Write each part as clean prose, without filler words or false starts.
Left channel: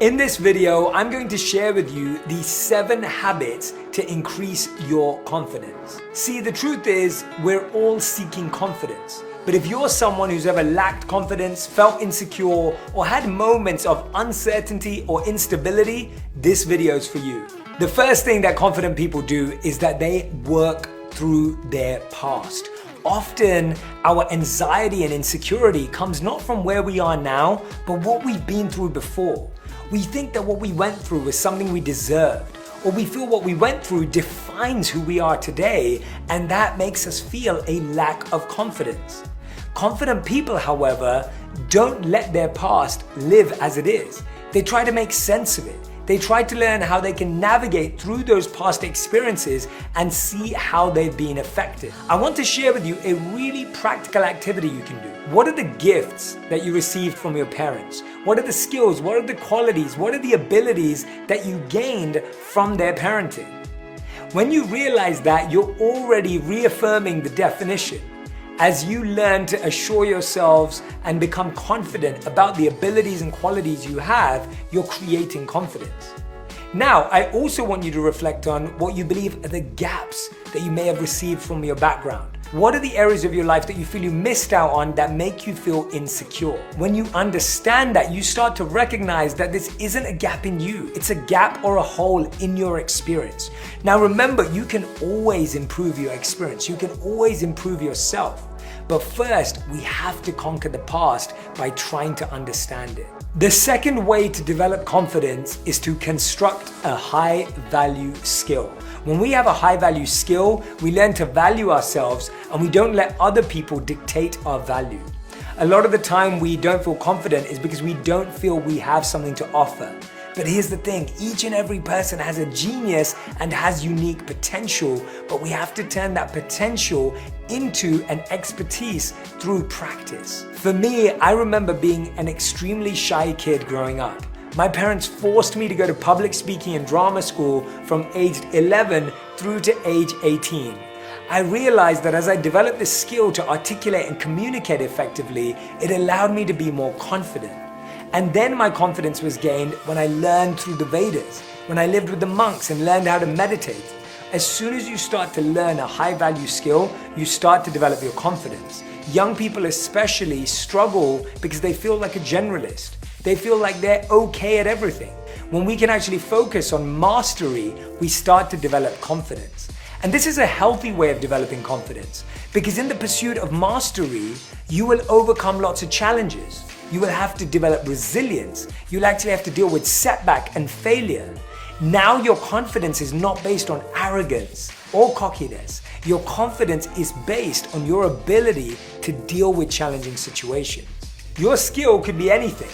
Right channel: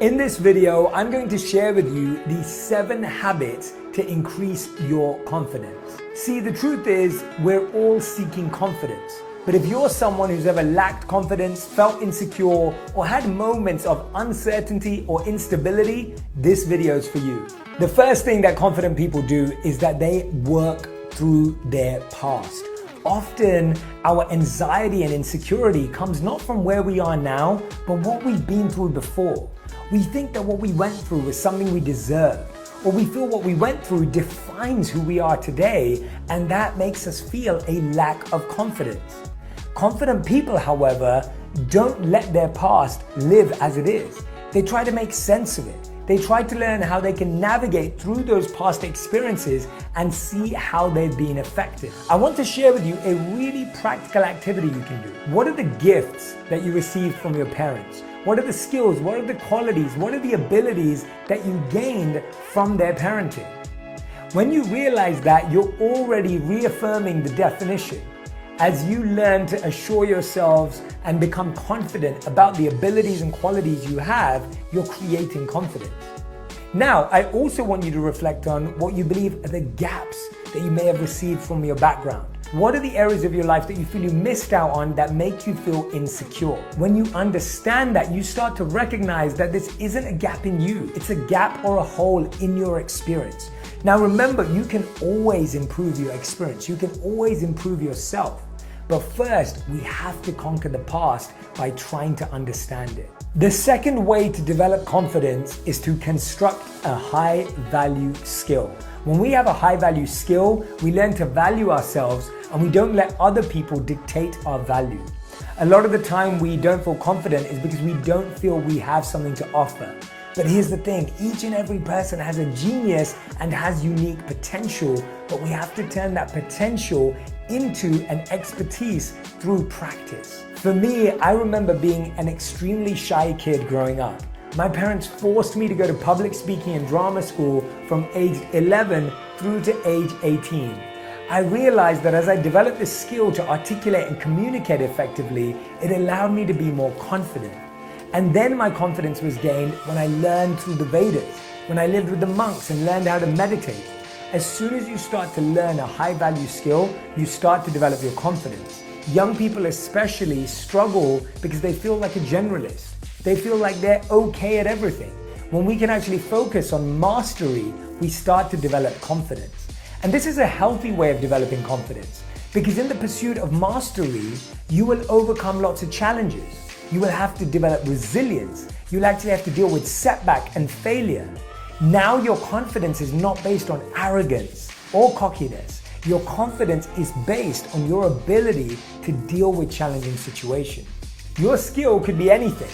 In this video, I'm going to share with you the 7 habits to increase your confidence. See, the truth is, we're all seeking confidence. But if you're someone who's ever lacked confidence, felt insecure, or had moments of uncertainty or instability, this video is for you. The first thing that confident people do is that they work through their past. Often, our anxiety and insecurity comes not from where we are now, but what we've been through before. We think that what we went through was something we deserved, or we feel what we went through defines who we are today, and that makes us feel a lack of confidence. Confident people, however, don't let their past live as it is. They try to make sense of it. They try to learn how they can navigate through those past experiences and see how they've been effective. I want to share with you a really practical activity you can do. What are the gifts that you received from your parents? What are the skills? What are the qualities? What are the abilities that you gained from their parenting? When you realize that, you're already reaffirming the definition. As you learn to assure yourselves and become confident about the abilities and qualities you have, you're creating confidence. Now, I also want you to reflect on what you believe are the gaps that you may have received from your background. What are the areas of your life that you feel you missed out on that make you feel insecure? When you understand that, you start to recognize that this isn't a gap in you. It's a gap or a hole in your experience. Now remember, you can always improve your experience. You can always improve yourself. But first, we have to conquer the past by trying to understand it. The second way to develop confidence is to construct a high-value skill. When we have a high-value skill, we learn to value ourselves and we don't let other people dictate our value. A lot of the time we don't feel confident is because we don't feel we have something to offer. But here's the thing, each and every person has a genius and has unique potential, but we have to turn that potential into an expertise through practice. For me, I remember being an extremely shy kid growing up. My parents forced me to go to public speaking and drama school from age 11 through to age 18. I realized that as I developed the skill to articulate and communicate effectively, it allowed me to be more confident. And then my confidence was gained when I learned through the Vedas, when I lived with the monks and learned how to meditate. As soon as you start to learn a high-value skill, you start to develop your confidence. Young people especially struggle because they feel like a generalist. They feel like they're okay at everything. When we can actually focus on mastery, we start to develop confidence. And this is a healthy way of developing confidence, because in the pursuit of mastery, you will overcome lots of challenges. You will have to develop resilience. You'll actually have to deal with setback and failure. Now your confidence is not based on arrogance or cockiness. Your confidence is based on your ability to deal with challenging situations. Your skill could be anything:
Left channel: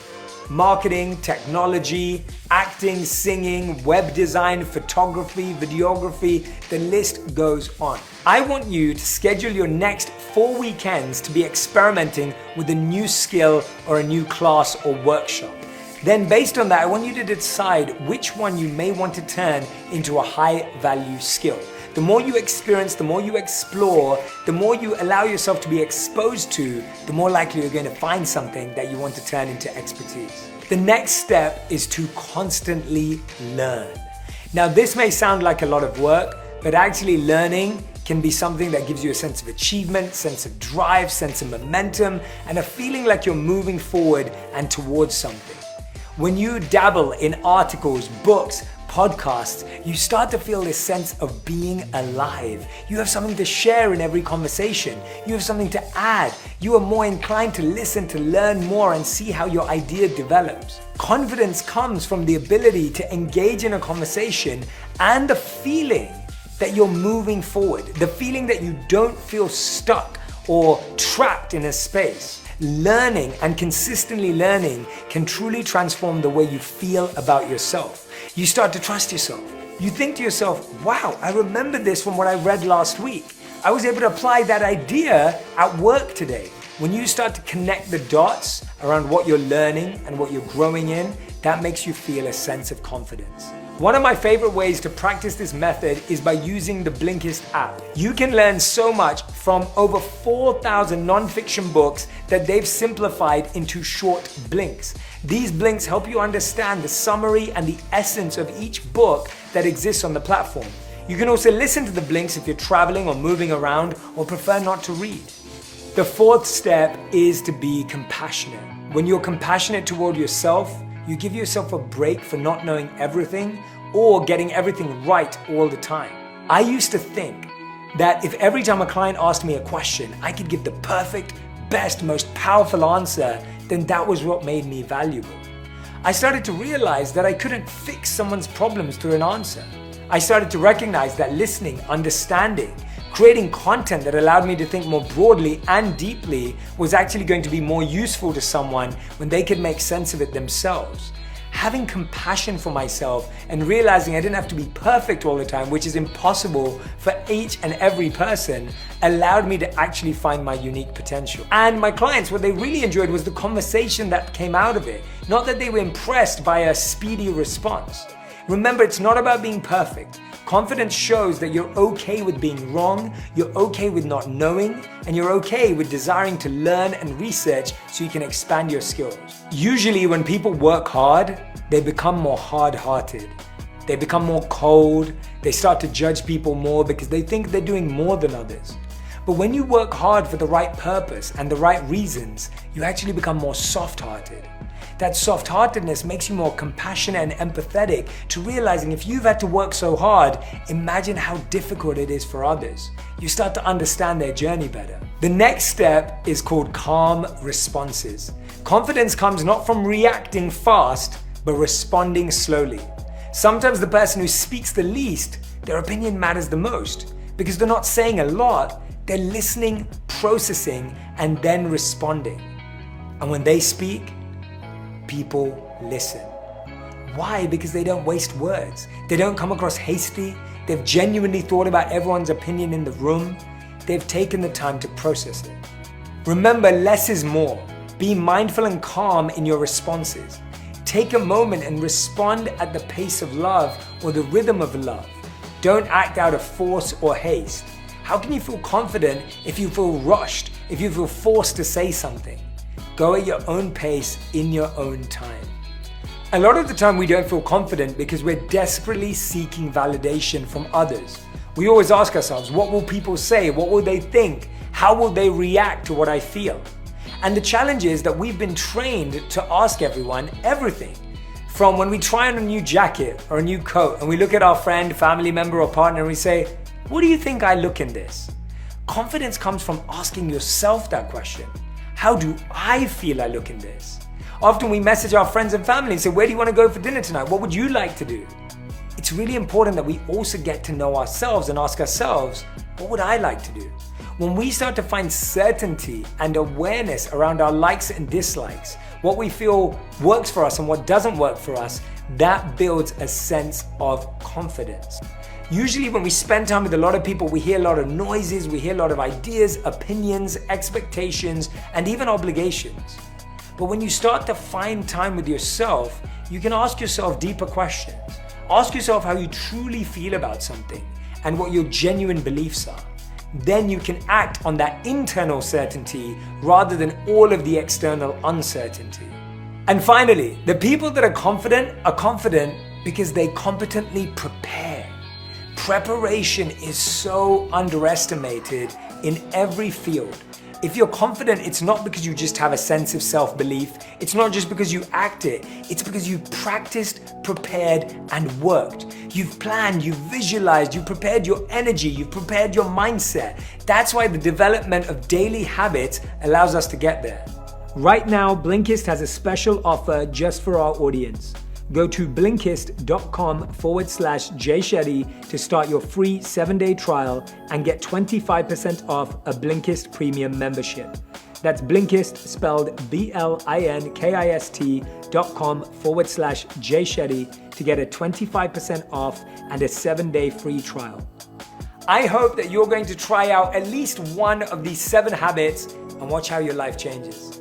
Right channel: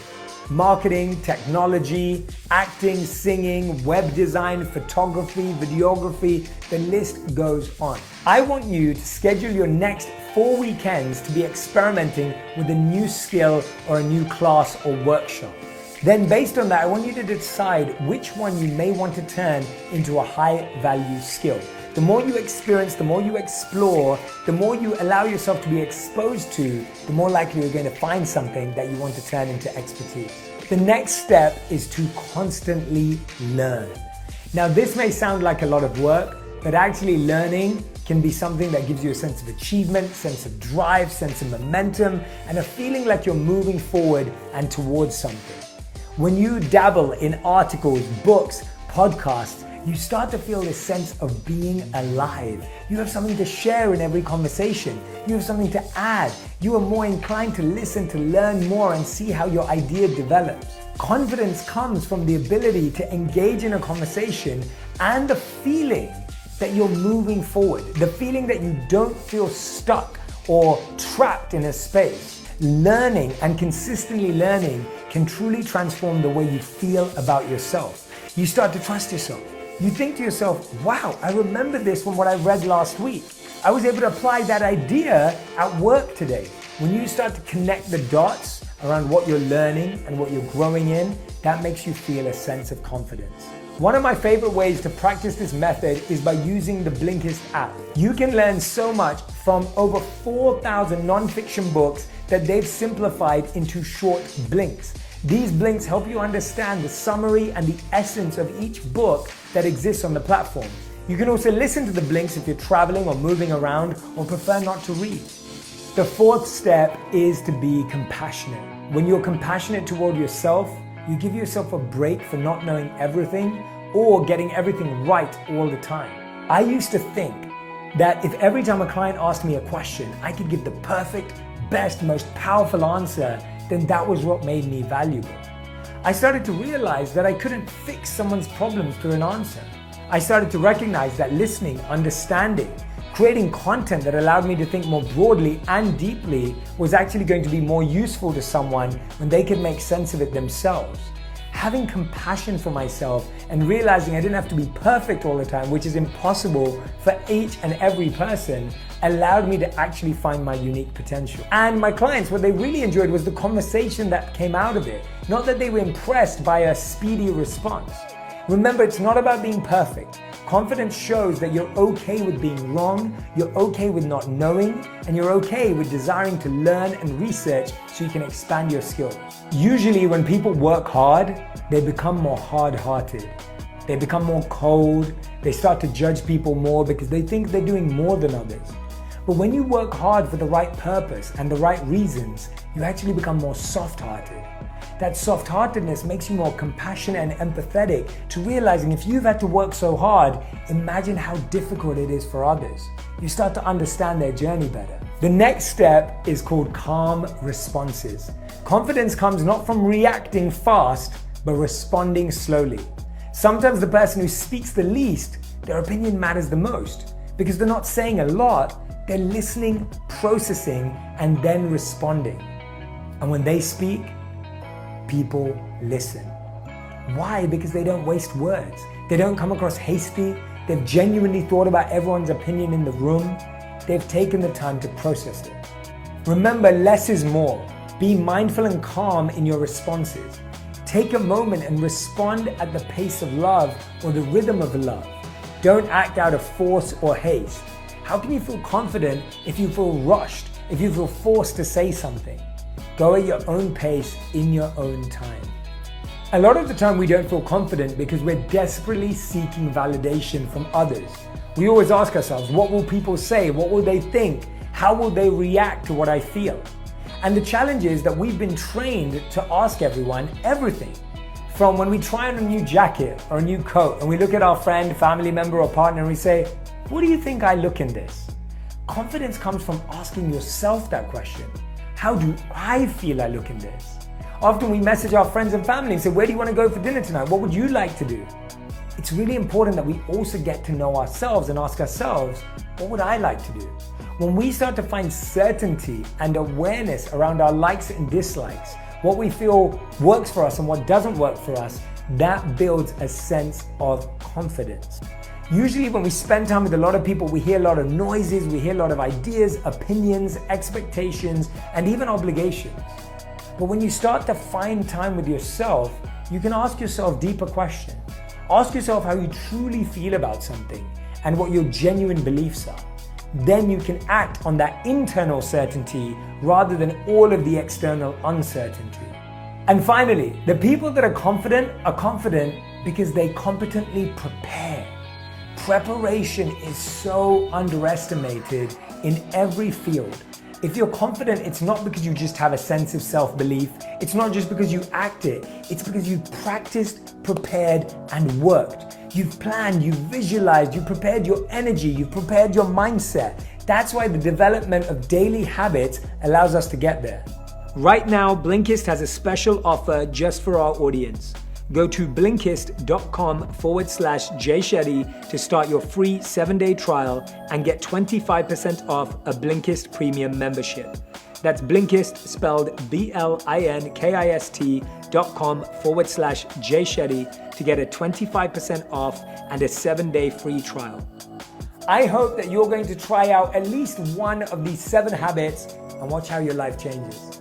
marketing, technology, acting, singing, web design, photography, videography, the list goes on. I want you to schedule your next 4 weekends to be experimenting with a new skill or a new class or workshop. Then based on that, I want you to decide which one you may want to turn into a high-value skill. The more you experience, the more you explore, the more you allow yourself to be exposed to, the more likely you're going to find something that you want to turn into expertise. The next step is to constantly learn. Now, this may sound like a lot of work, but actually learning can be something that gives you a sense of achievement, sense of drive, sense of momentum, and a feeling like you're moving forward and towards something. When you dabble in articles, books, podcasts, you start to feel this sense of being alive. You have something to share in every conversation. You have something to add. You are more inclined to listen, to learn more, and see how your idea develops. Confidence comes from the ability to engage in a conversation and the feeling that you're moving forward, the feeling that you don't feel stuck or trapped in a space. Learning and consistently learning can truly transform the way you feel about yourself. You start to trust yourself. You think to yourself, wow, I remember this from what I read last week. I was able to apply that idea at work today. When you start to connect the dots around what you're learning and what you're growing in, that makes you feel a sense of confidence. One of my favorite ways to practice this method is by using the Blinkist app. You can learn so much from over 4,000 non-fiction books that they've simplified into short blinks. These blinks help you understand the summary and the essence of each book that exists on the platform. You can also listen to the blinks if you're traveling or moving around or prefer not to read. The fourth step is to be compassionate. When you're compassionate toward yourself, you give yourself a break for not knowing everything or getting everything right all the time. I used to think that if every time a client asked me a question, I could give the perfect, best, most powerful answer, then that was what made me valuable. I started to realize that I couldn't fix someone's problems through an answer. I started to recognize that listening, understanding, creating content that allowed me to think more broadly and deeply was actually going to be more useful to someone when they could make sense of it themselves. Having compassion for myself and realizing I didn't have to be perfect all the time, which is impossible for each and every person, allowed me to actually find my unique potential. And my clients, what they really enjoyed was the conversation that came out of it, not that they were impressed by a speedy response. Remember, it's not about being perfect. Confidence shows that you're okay with being wrong, you're okay with not knowing, and you're okay with desiring to learn and research so you can expand your skills. Usually when people work hard, they become more hard-hearted. They become more cold, they start to judge people more because they think they're doing more than others. But when you work hard for the right purpose and the right reasons, you actually become more soft-hearted. That soft-heartedness makes you more compassionate and empathetic to realizing if you've had to work so hard, imagine how difficult it is for others. You start to understand their journey better. The next step is called calm responses. Confidence comes not from reacting fast, but responding slowly. Sometimes the person who speaks the least, their opinion matters the most because they're not saying a lot, they're listening, processing, and then responding. And when they speak, people listen. Why? Because they don't waste words. They don't come across hasty. They've genuinely thought about everyone's opinion in the room. They've taken the time to process it. Remember, less is more. Be mindful and calm in your responses. Take a moment and respond at the pace of love or the rhythm of love. Don't act out of force or haste. How can you feel confident if you feel rushed, if you feel forced to say something? Go at your own pace in your own time. A lot of the time we don't feel confident because we're desperately seeking validation from others. We always ask ourselves, what will people say? What will they think? How will they react to what I feel? And the challenge is that we've been trained to ask everyone everything. From when we try on a new jacket or a new coat and we look at our friend, family member or partner and we say, what do you think I look in this? Confidence comes from asking yourself that question. How do I feel I look in this? Often we message our friends and family and say, where do you want to go for dinner tonight? What would you like to do? It's really important that we also get to know ourselves and ask ourselves, what would I like to do? When we start to find certainty and awareness around our likes and dislikes, what we feel works for us and what doesn't work for us, that builds a sense of confidence. Usually when we spend time with a lot of people, we hear a lot of noises, we hear a lot of ideas, opinions, expectations, and even obligations. But when you start to find time with yourself, you can ask yourself deeper questions. Ask yourself how you truly feel about something and what your genuine beliefs are. Then you can act on that internal certainty rather than all of the external uncertainty. And finally, the people that are confident because they competently prepare. Preparation is so underestimated in every field. If you're confident, it's not because you just have a sense of self-belief. It's not just because you act it. It's because you've practiced, prepared, and worked. You've planned, you've visualized, you've prepared your energy, you've prepared your mindset. That's why the development of daily habits allows us to get there. Right now, Blinkist has a special offer just for our audience. Go to Blinkist.com/JShetty to start your free 7-day trial and get 25% off a Blinkist premium membership. That's Blinkist, spelled BLINKIST.com/JShetty to get a 25% off and a 7-day free trial. I hope that you're going to try out at least one of these 7 habits and watch how your life changes.